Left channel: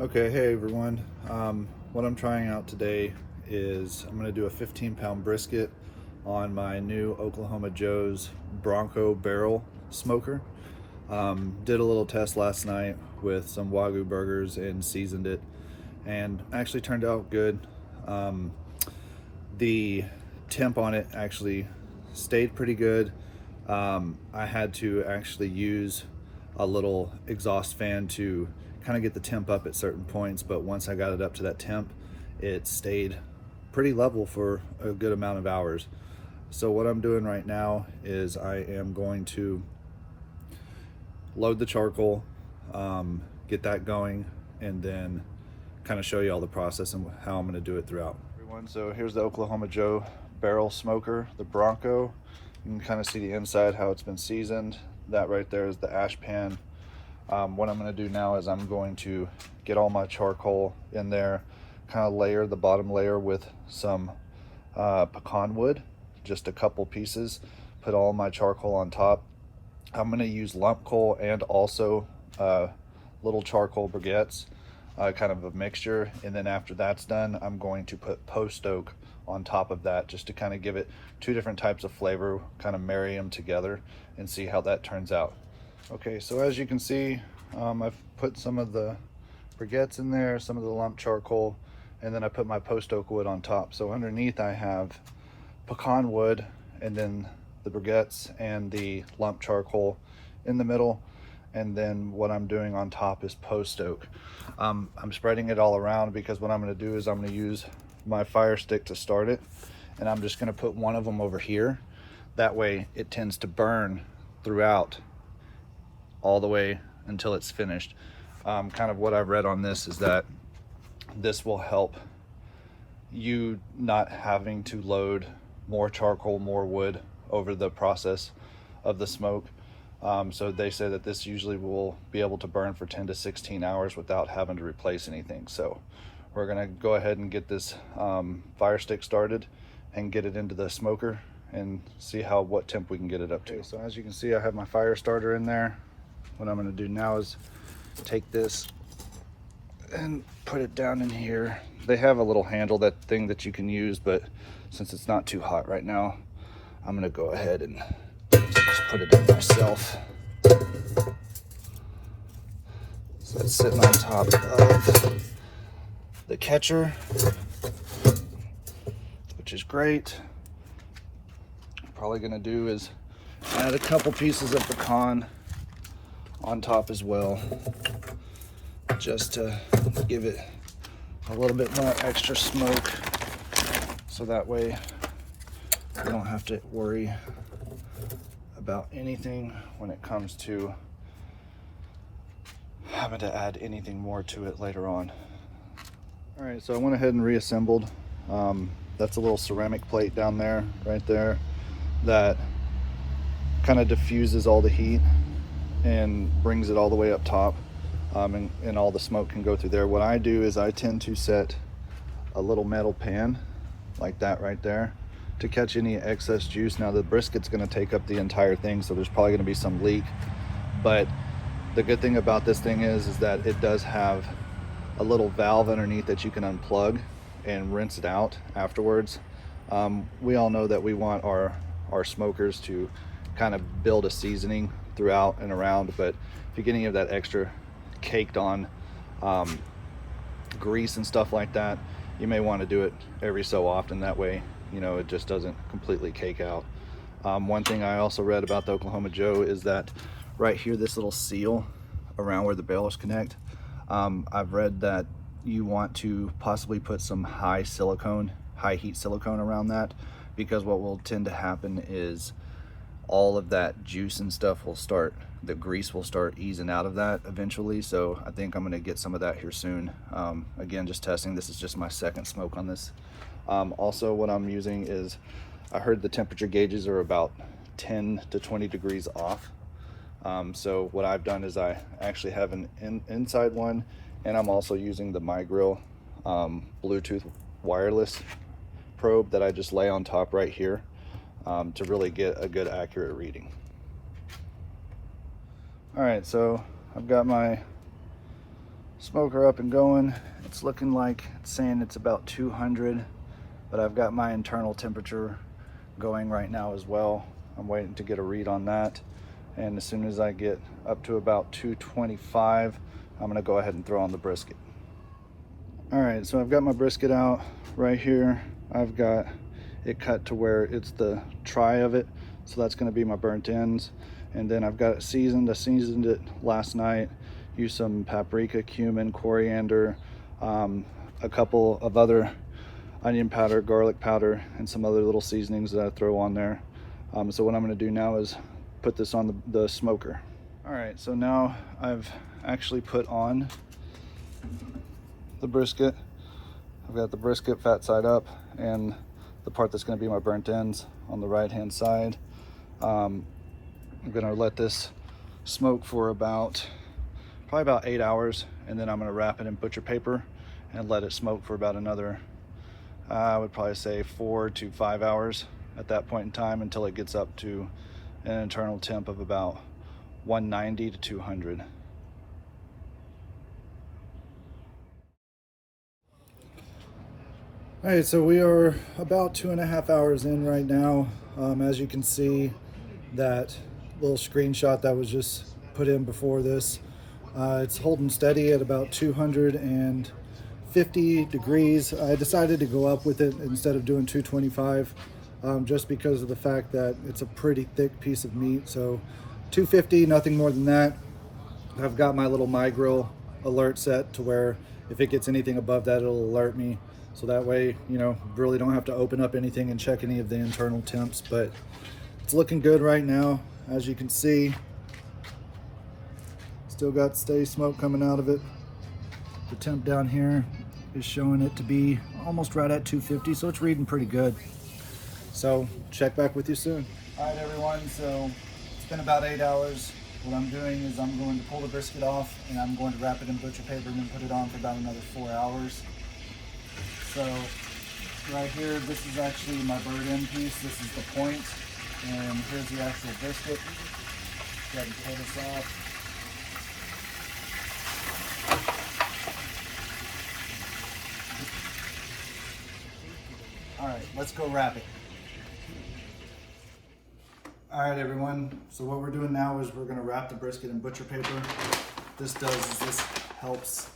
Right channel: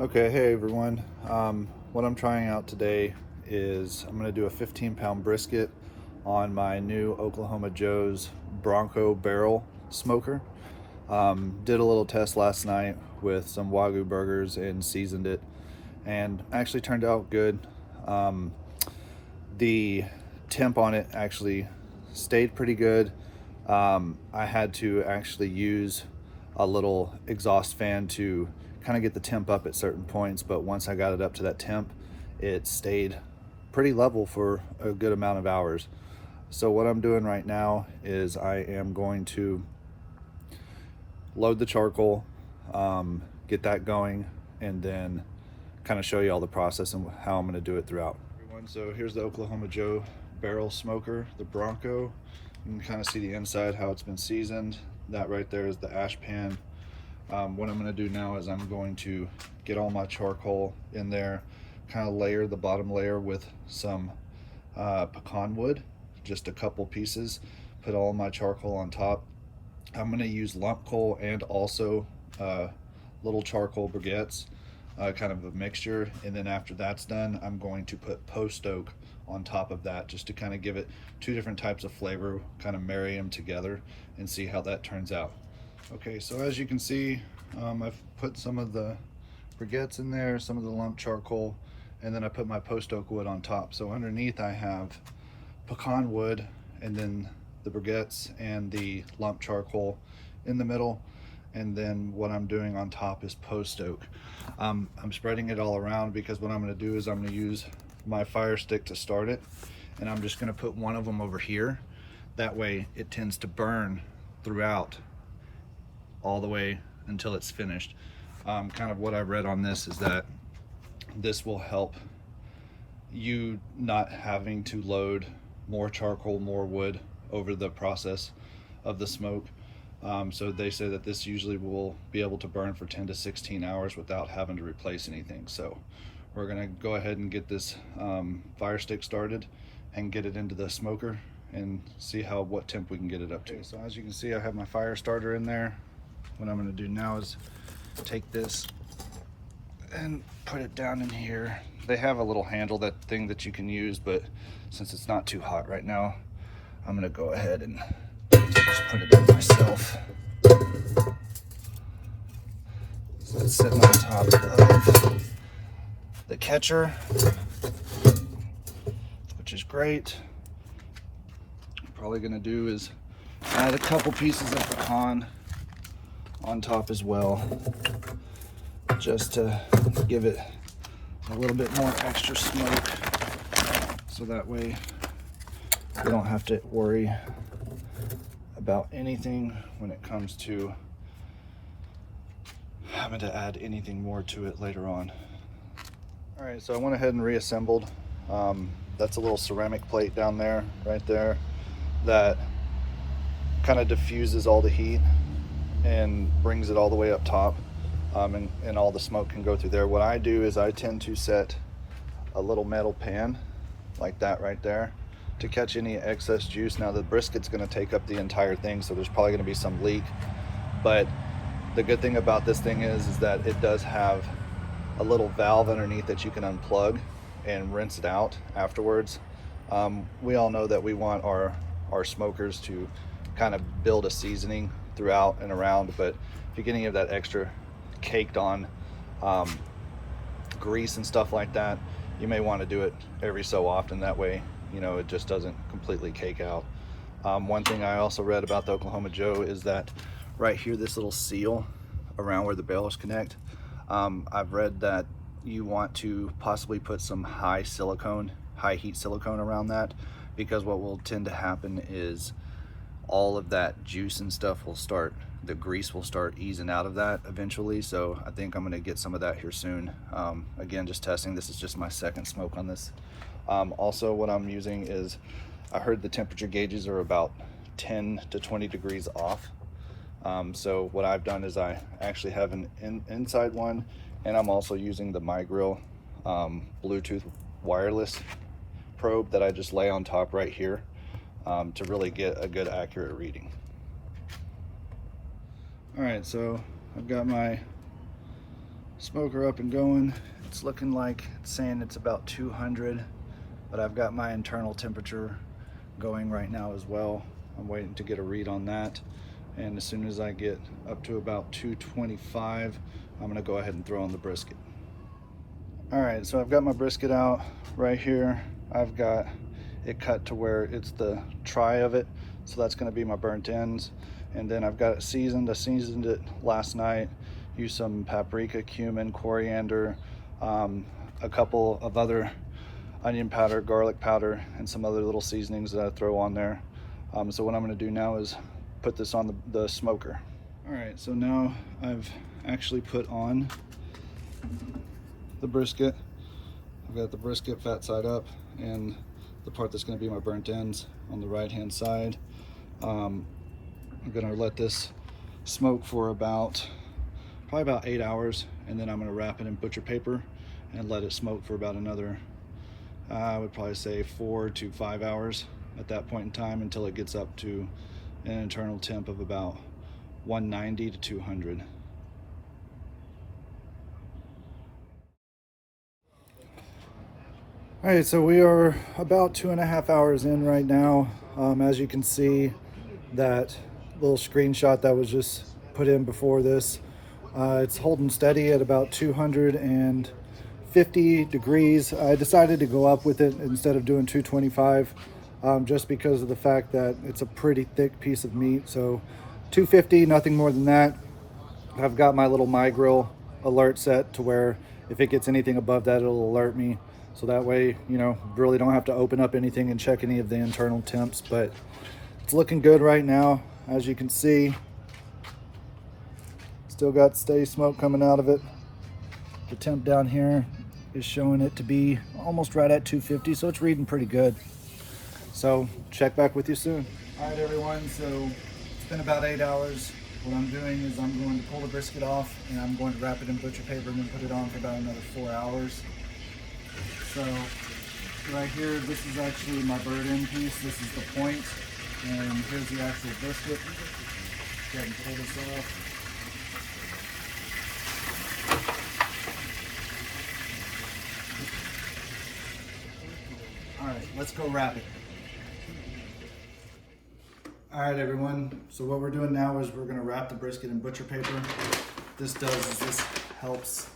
Okay, hey everyone. What I'm trying out today is I'm going to do a 15-pound brisket on my new Oklahoma Joe's Bronco barrel smoker. Did a little test last night with some Wagyu burgers and seasoned it, and actually turned out good. Um, the temp on it actually stayed pretty good. I had to actually use a little exhaust fan to kind of get the temp up at certain points, but once I got it up to that temp, it stayed pretty level for a good amount of hours. So what I'm doing right now is I am going to load the charcoal, get that going, and then kind of show you all the process and how I'm going to do it throughout. Everyone, so here's the Oklahoma Joe barrel smoker, the Bronco. You can kind of see the inside, how it's been seasoned. That right there is the ash pan. What I'm going to do now is I'm going to get all my charcoal in there, kind of layer the bottom layer with some pecan wood, just a couple pieces, put all my charcoal on top. I'm going to use lump coal and also little charcoal briquettes, kind of a mixture. And then after that's done, I'm going to put post oak on top of that, just to kind of give it two different types of flavor, kind of marry them together and see how that turns out. Okay, so as you can see, I've put some of the briquettes in there, some of the lump charcoal, and then I put my post oak wood on top. So underneath I have pecan wood, and then the briquettes and the lump charcoal in the middle, and then what I'm doing on top is post oak. I'm spreading it all around because what I'm going to do is I'm going to use my fire stick to start it, and I'm just going to put one of them over here. That way it tends to burn throughout all the way until it's finished. Kind of what I've read on this is that this will help you not having to load more charcoal, more wood over the process of the smoke. So they say that this usually will be able to burn for 10 to 16 hours without having to replace anything. So we're gonna go ahead and get this fire stick started and get it into the smoker and see what temp we can get it up to. So as you can see, I have my fire starter in there. What I'm gonna do now is take this and put it down in here. They have a little handle, that thing that you can use, but since it's not too hot right now, I'm gonna go ahead and just put it in myself. So it's sitting on top of the catcher, which is great. What I'm probably gonna do is add a couple pieces of pecan on top as well, just to give it a little bit more extra smoke, so that way you don't have to worry about anything when it comes to having to add anything more to it later on. All right, so I went ahead and reassembled. That's a little ceramic plate down there, right there, that kind of diffuses all the heat and brings it all the way up top, and all the smoke can go through there. What I do is I tend to set a little metal pan like that right there to catch any excess juice. Now the brisket's going to take up the entire thing, so there's probably going to be some leak, but the good thing about this thing is that it does have a little valve underneath that you can unplug and rinse it out afterwards. We all know that we want our smokers to kind of build a seasoning throughout and around, but if you get any of that extra caked on grease and stuff like that, you may want to do it every so often. That way, you know, it just doesn't completely cake out. One thing I also read about the Oklahoma Joe is that right here, this little seal around where the balers connect, I've read that you want to possibly put some high heat silicone around that, because what will tend to happen is all of that juice and stuff will start, the grease will start easing out of that eventually. So I think I'm going to get some of that here soon. Again, just testing. This is just my second smoke on this. Also, what I'm using is, I heard the temperature gauges are about 10 to 20 degrees off. So what I've done is I actually have an inside one, and I'm also using the MyGrill Bluetooth wireless probe that I just lay on top right here, to really get a good accurate reading. All right, so I've got my Smoker up and going. It's looking like it's saying it's about 200, but I've got my internal temperature going right now as well. I'm waiting to get a read on that. And as soon as I get up to about 225, I'm gonna go ahead and throw on the brisket. All right, so I've got my brisket out right here. I've got it cut to where it's the try of it. So that's gonna be my burnt ends. And then I've got it seasoned. I seasoned it last night. Used some paprika, cumin, coriander, a couple of other onion powder, garlic powder, and some other little seasonings that I throw on there. So what I'm gonna do now is put this on the smoker. All right, so now I've actually put on the brisket. I've got the brisket fat side up and the part that's gonna be my burnt ends on the right-hand side. I'm gonna let this smoke for probably about 8 hours, and then I'm gonna wrap it in butcher paper and let it smoke for about another, I would probably say 4 to 5 hours at that point in time, until it gets up to an internal temp of about 190 to 200. All right, so we are about 2.5 hours in right now. As you can see, that little screenshot that was just put in before this, it's holding steady at about 250 degrees. I decided to go up with it instead of doing 225, just because of the fact that it's a pretty thick piece of meat. So 250, nothing more than that. I've got my little MyGrill alert set to where if it gets anything above that, it'll alert me. So that way, you know, really don't have to open up anything and check any of the internal temps. But it's looking good right now, as you can see. Still got steady smoke coming out of it. The temp down here is showing it to be almost right at 250, so it's reading pretty good. So check back with you soon. All right, everyone, so it's been about 8 hours. What I'm doing is I'm going to pull the brisket off, and I'm going to wrap it in butcher paper and then put it on for about another 4 hours. So right here, this is actually my bird end piece. This is the point, and here's the actual brisket. Go ahead and pull this off. All right, let's go wrap it. All right, everyone. So what we're doing now is we're gonna wrap the brisket in butcher paper. What this does is this helps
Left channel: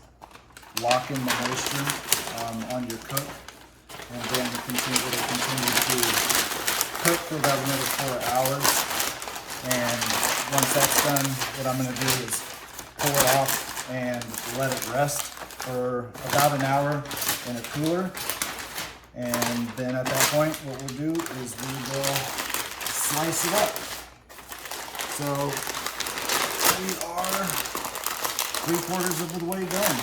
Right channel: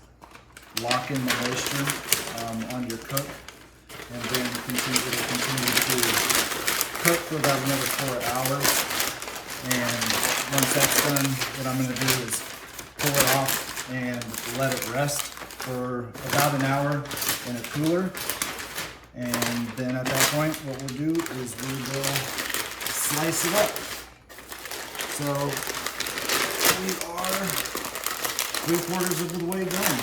lock in the moisture on your cook, and then it'll continue to cook for about another 4 hours. And once that's done, what I'm gonna do is pull it off and let it rest for about an hour in a cooler. And then at that point, what we'll do is we will slice it up. So we are 3/4 of the way done.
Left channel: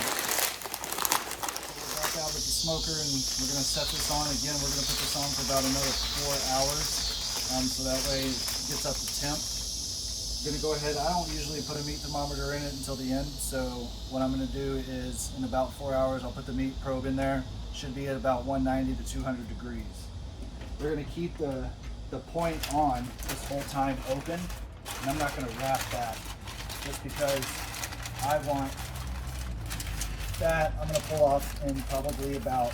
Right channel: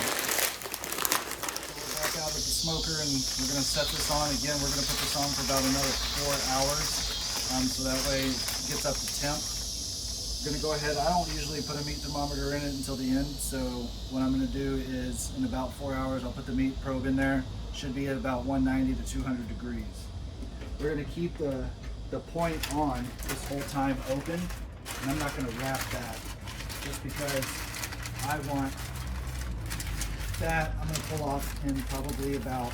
We're back out with the smoker, and we're gonna set this on again. We're gonna put this on for about another 4 hours, so that way it gets up to temp. I'm gonna go ahead. I don't usually put a meat thermometer in it until the end, so what I'm gonna do is in about 4 hours, I'll put the meat probe in there. Should be at about 190 to 200 degrees. We're gonna keep the point on this whole time open, and I'm not gonna wrap that just because I want that. I'm gonna pull off in probably about,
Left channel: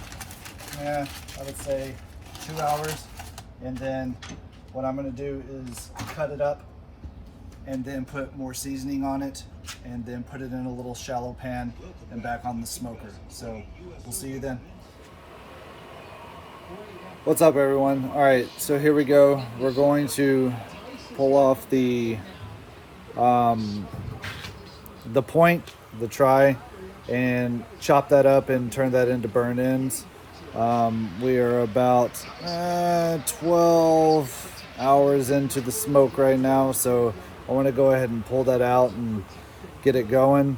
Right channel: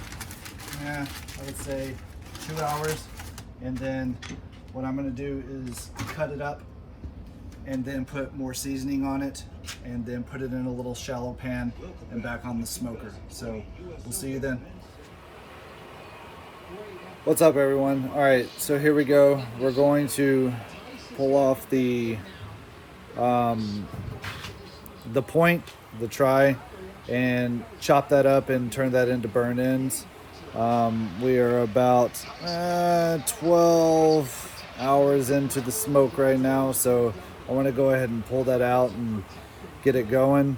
I would say 2 hours. And then what I'm gonna do is cut it up and then put more seasoning on it, and then put it in a little shallow pan and back on the smoker. So we'll see you then. What's up, everyone? All right, so here we go. We're going to pull off the point, the try, and chop that up and turn that into burnt ends. We are about 12 hours into the smoke right now, so I want to go ahead and pull that out and get it going.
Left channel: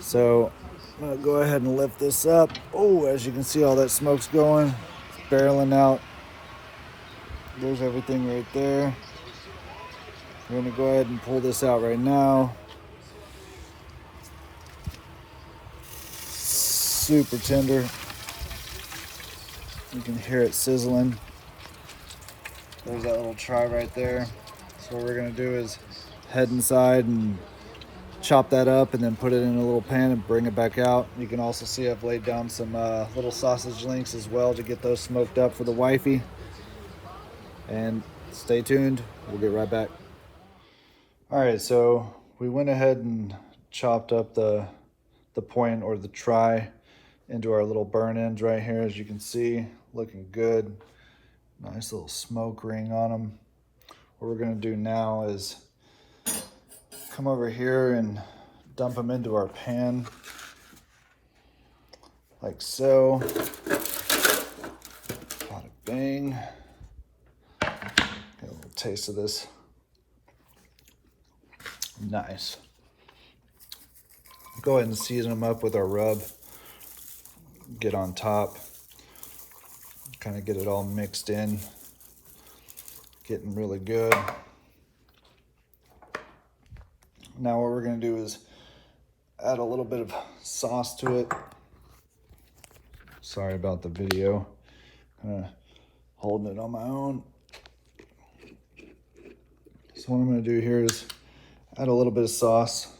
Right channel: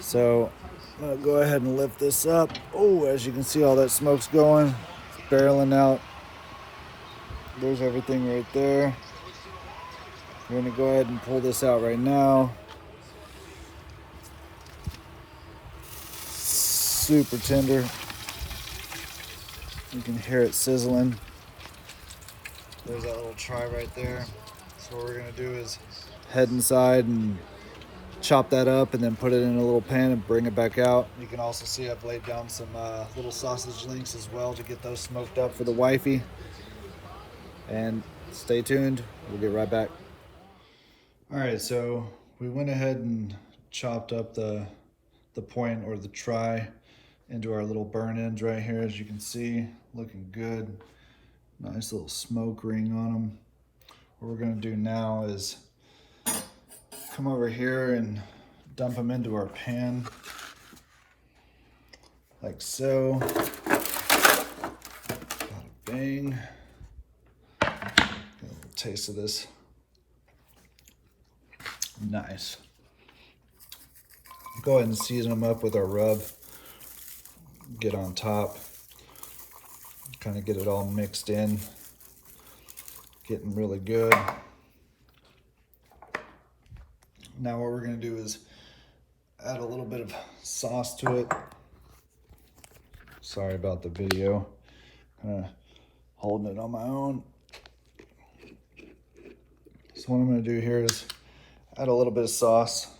So I'm gonna go ahead and lift this up. Oh, as you can see, all that smoke's going, barreling out. There's everything right there. We're gonna go ahead and pull this out right now. Super tender. You can hear it sizzling. There's that little try right there. So what we're gonna do is head inside and chop that up and then put it in a little pan and bring it back out. You can also see I've laid down some little sausage links as well to get those smoked up for the wifey. And stay tuned, we'll get right back. All right, so we went ahead and chopped up the point or the try into our little burn ends right here, as you can see, looking good. Nice little smoke ring on them. What we're gonna do now is come over here and dump them into our pan, like so. Bada bang. Get a little taste of this. Nice. Go ahead and season them up with our rub. Get on top. Kind of get it all mixed in. Getting really good. Now what we're going to do is add a little bit of sauce to it. Sorry about the video. Holding it on my own. So what I'm going to do here is add a little bit of sauce.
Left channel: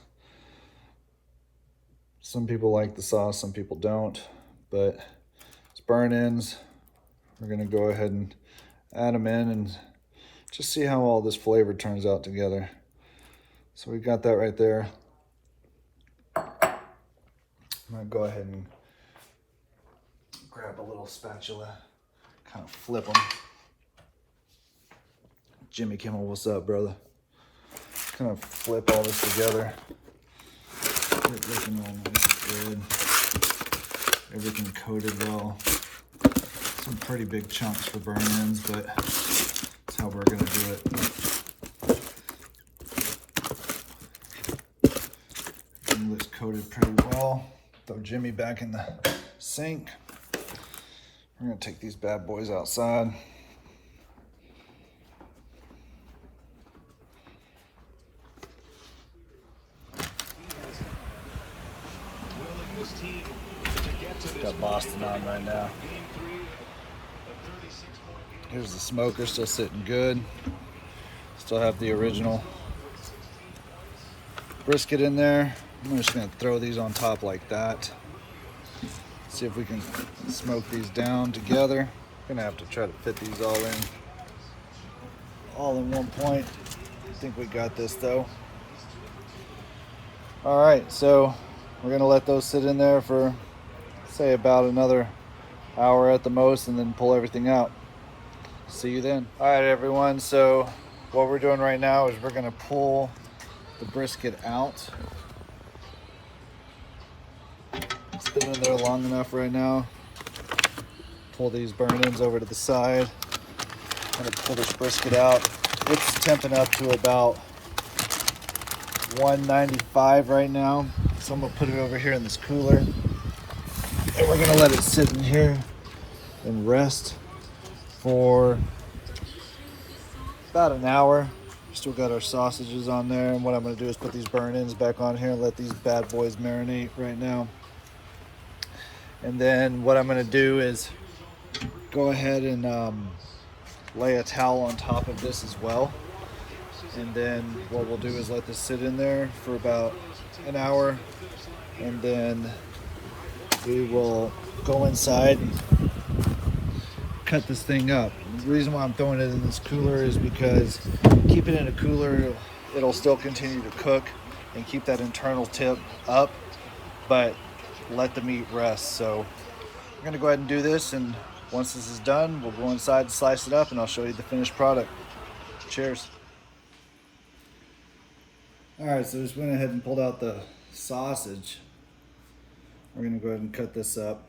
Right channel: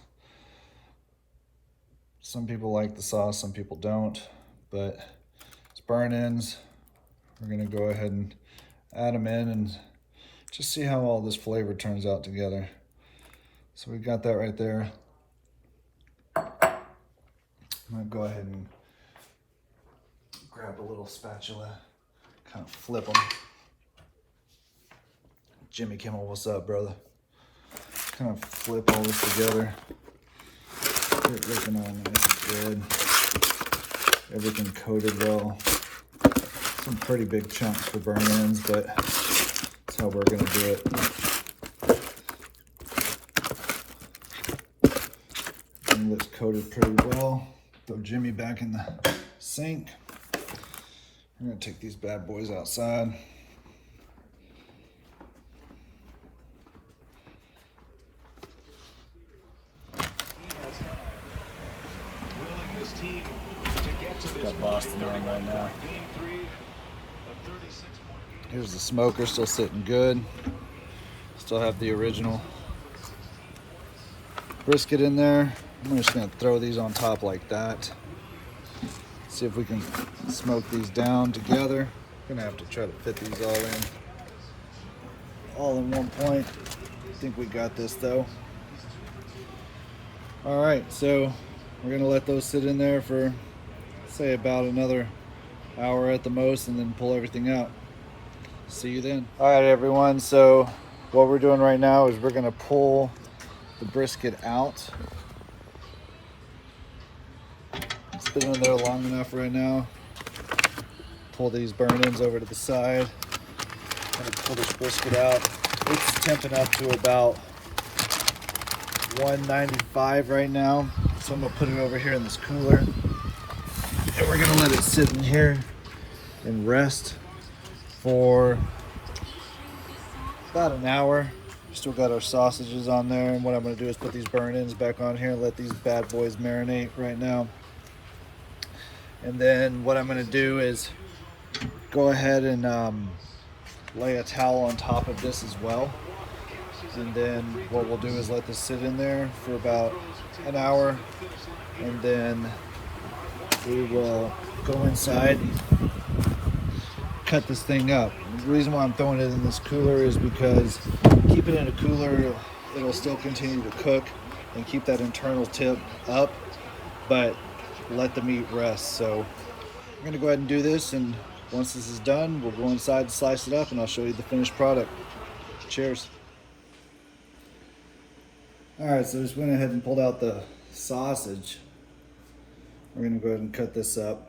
Some people like the sauce, some people don't, but it's burn ends. We're going to go ahead and add them in and just see how all this flavor turns out together. So we got that right there. I'm going to go ahead and grab a little spatula, kind of flip them. Jimmy Kimmel, what's up, brother? Kind of flip all this together. Get it looking all nice and good. Everything coated well. Some pretty big chunks for burn ends, but that's how we're gonna do it. And looks coated pretty well. Throw Jimmy back in the sink. We're gonna take these bad boys outside. Got Boston on right now. Here's the smoker, still sitting good. Still have the original brisket in there. I'm just gonna throw these on top like that. See if we can smoke these down together. Gonna have to try to fit these all in one point. I think we got this though. All right, so we're gonna let those sit in there for, say, about another hour at the most, and then pull everything out. See you then. All right, everyone, so what we're doing right now is we're gonna pull the brisket out. It's been in there long enough right now. Pull these burn ends over to the side. I'm gonna pull this brisket out. It's temping up to about 195 right now. So I'm gonna put it over here in this cooler. And we're gonna let it sit in here and rest for about an hour. Still got our sausages on there. And what I'm gonna do is put these burn ends back on here and let these bad boys marinate right now. And then what I'm gonna do is go ahead and lay a towel on top of this as well. And then what we'll do is let this sit in there for about an hour, and then we will go inside, cut this thing up. The reason why I'm throwing it in this cooler is because keep it in a cooler, it'll still continue to cook and keep that internal tip up, but let the meat rest. So we're gonna go ahead and do this, and once this is done, we'll go inside and slice it up, and I'll show you the finished product. Cheers. All right, so just went ahead and pulled out the sausage. We're gonna go ahead and cut this up.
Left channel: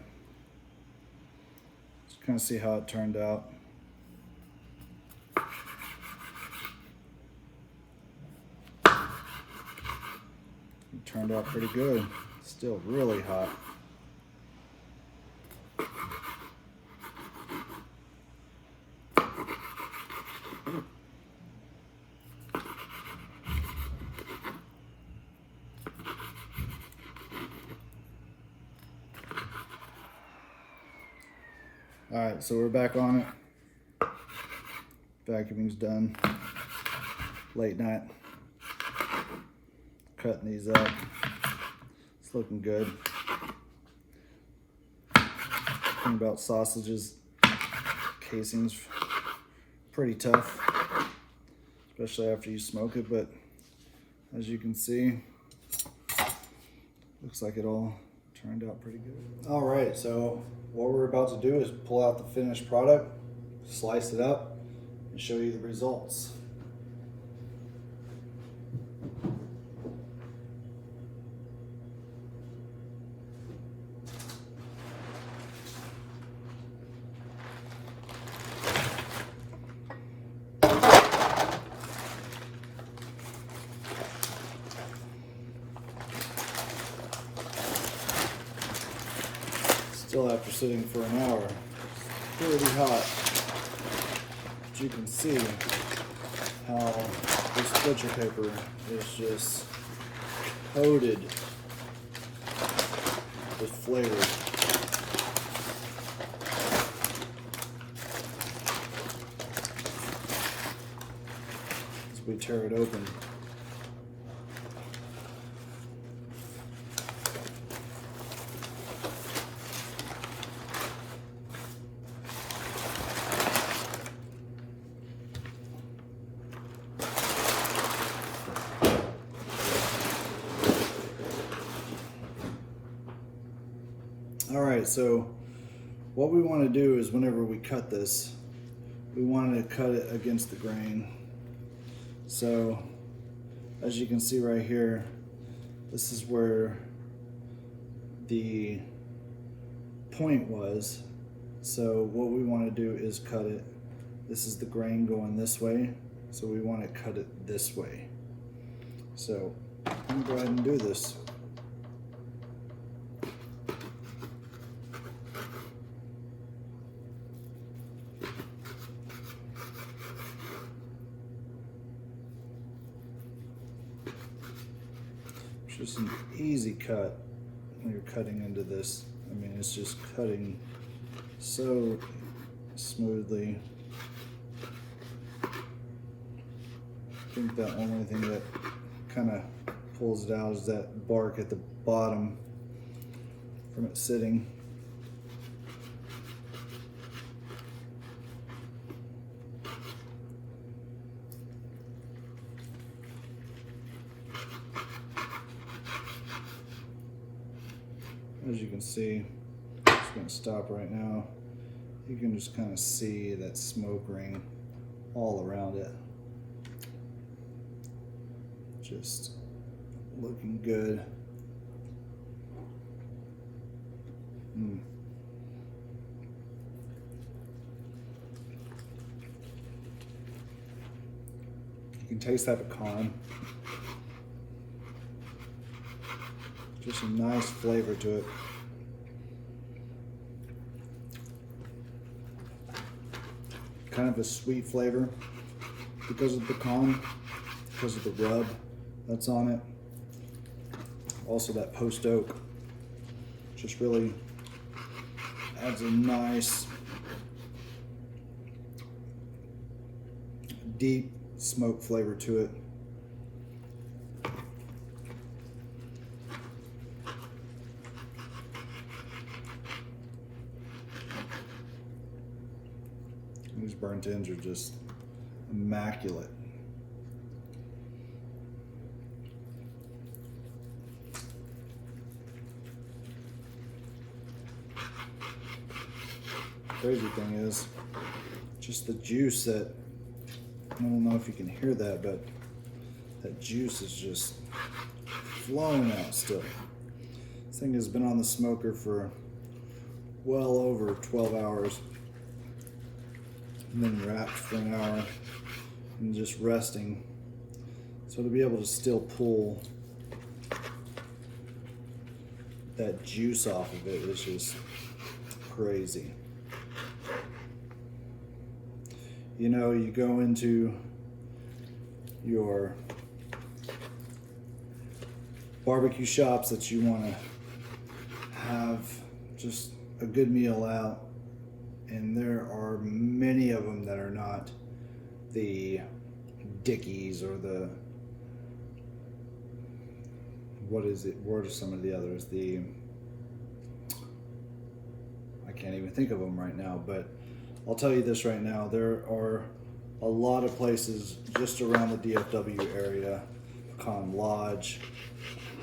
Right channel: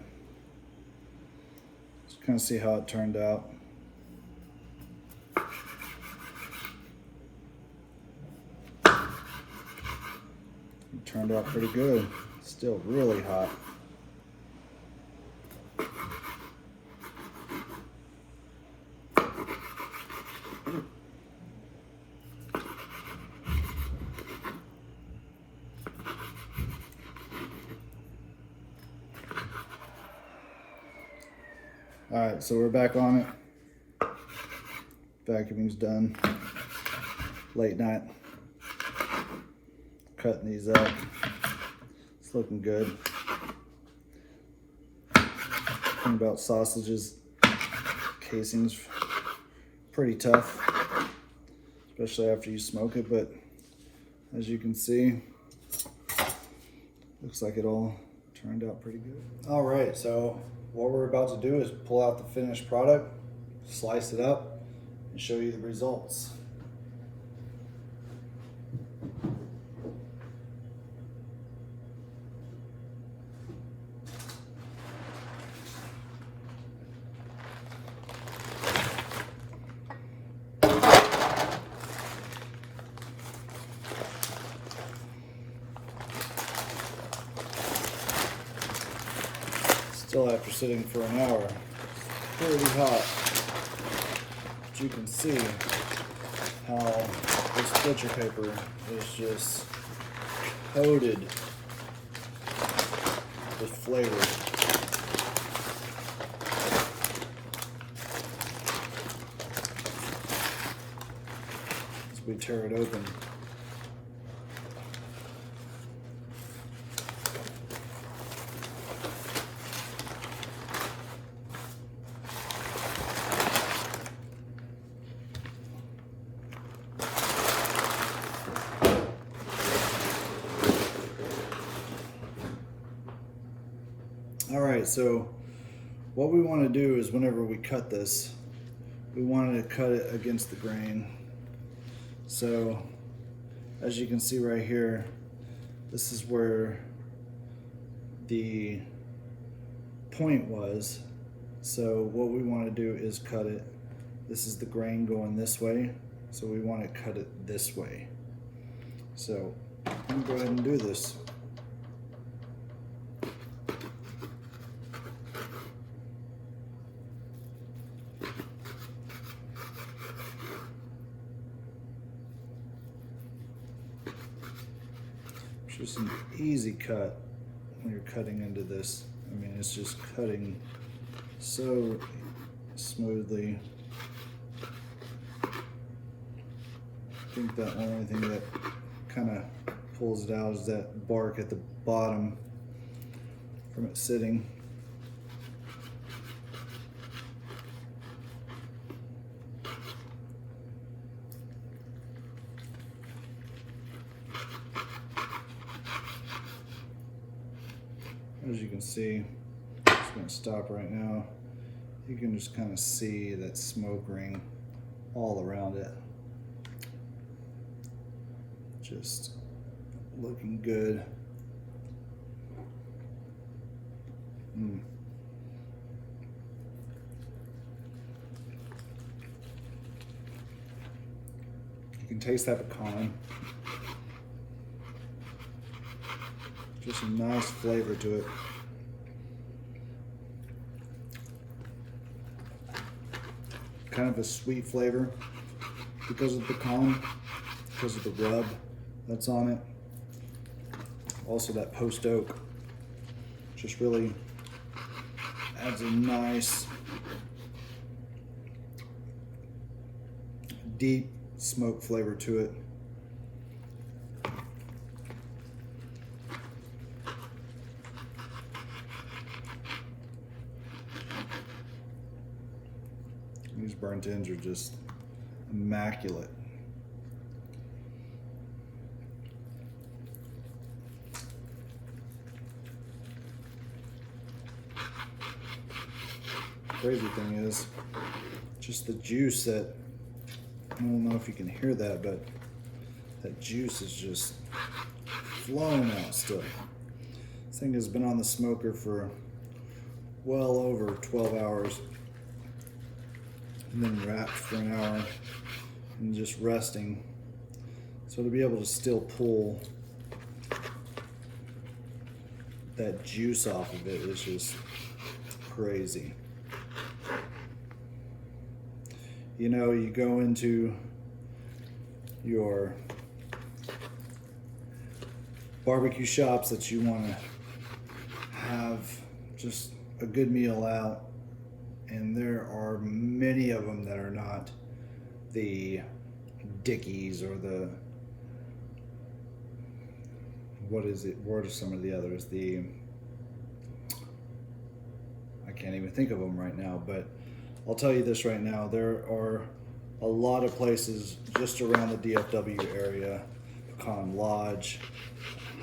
Just kind of see how it turned out. It turned out pretty good. Still really hot. All right, so we're back on it. Vacuuming's done. Late night. cutting these up. It's looking good. Thing about sausages, casing's pretty tough, especially after you smoke it, but as you can see, looks like it all turned out pretty good. All right, so what we're about to do is pull out the finished product, slice it up, and show you the results. Still after sitting for an hour, it's pretty hot. But you can see how this butcher paper is just coated with flavor. As we tear it open. All right, so what we want to do is whenever we cut this, we want to cut it against the grain. So as you can see right here, this is where the point was. So what we want to do is cut it. This is the grain going this way, so we want to cut it this way. So I'm gonna go ahead and do this. It's just an easy cut when you're cutting into this. I mean, it's just cutting so smoothly. I think the only thing that kind of pulls it out is that bark at the bottom from it sitting. As you can see, I'm just going to stop right now. You can just kind of see that smoke ring all around it. Just looking good. You can taste that pecan. Just a nice flavor to it. Kind of a sweet flavor because of the pecan, because of the rub that's on it. Also that post oak just really adds a nice deep smoke flavor to it. These burnt ends are just immaculate. Crazy thing is just the juice that, I don't know if you can hear that, but that juice is just flowing out still. This thing has been on the smoker for well over 12 hours. And then wrapped for an hour and just resting. So to be able to still pull that juice off of it is just crazy. You know, you go into your barbecue shops that you want to have just a good meal out, and there are many of them that are not the Dickies or the what is it? What are some of the others? I can't even think of them right now, but I'll tell you this right now. There are a lot of places just around the DFW area, Pecan Lodge,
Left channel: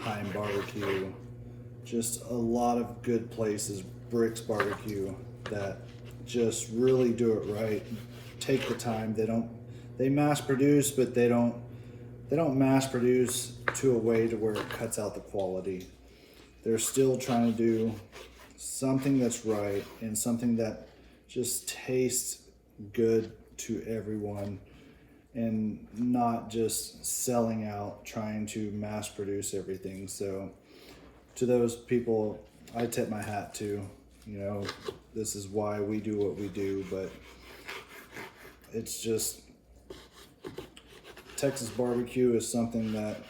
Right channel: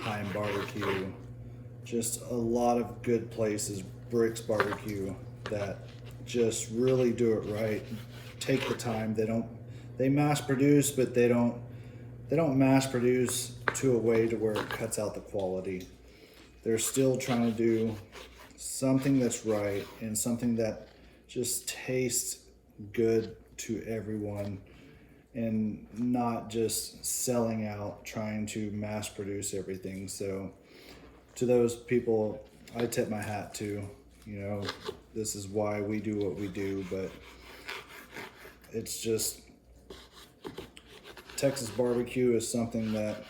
Heim Barbecue, just a lot of good places, Bricks Barbecue, that just really do it right. Take the time. They mass produce, but they don't mass produce to a way to where it cuts out the quality. They're still trying to do something that's right and something that just tastes good to everyone, and not just selling out trying to mass produce everything. So to those people, I tip my hat to. You know, this is why we do what we do, but it's just, Texas barbecue is something that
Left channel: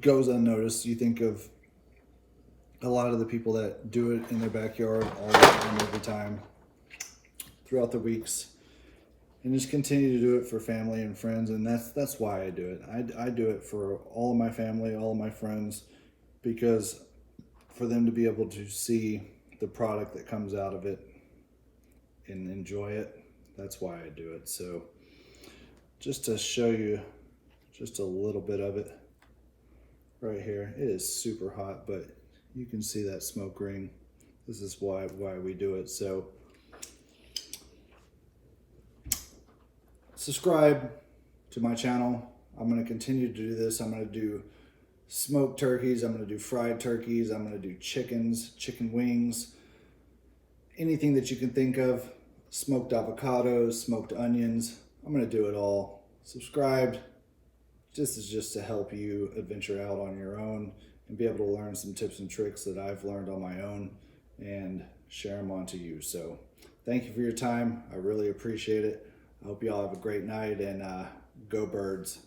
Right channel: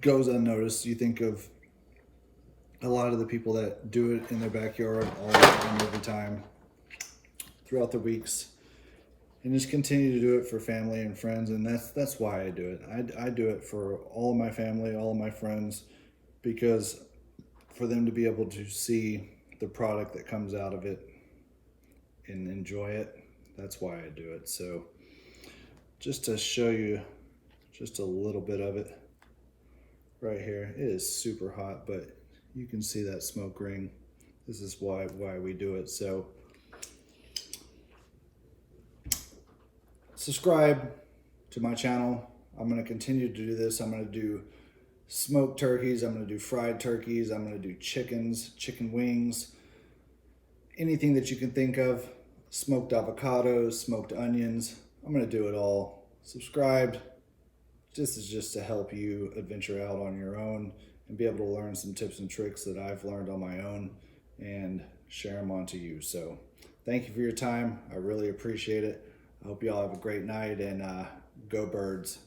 goes unnoticed. You think of a lot of the people that do it in their backyard all the time, every time, throughout the weeks, and just continue to do it for family and friends. And that's why I do it. I do it for all of my family, all of my friends, because for them to be able to see the product that comes out of it and enjoy it, that's why I do it. So just to show you just a little bit of it right here, it is super hot, but you can see that smoke ring. This is why we do it. So subscribe to my channel. I'm going to continue to do this. I'm going to do smoked turkeys. I'm going to do fried turkeys. I'm going to do chickens, chicken wings, anything that you can think of, smoked avocados, smoked onions. I'm going to do it all. Subscribe. This is just to help you adventure out on your own and be able to learn some tips and tricks that I've learned on my own and share them on to you. So thank you for your time. I really appreciate it. I hope you all have a great night, and go Birds.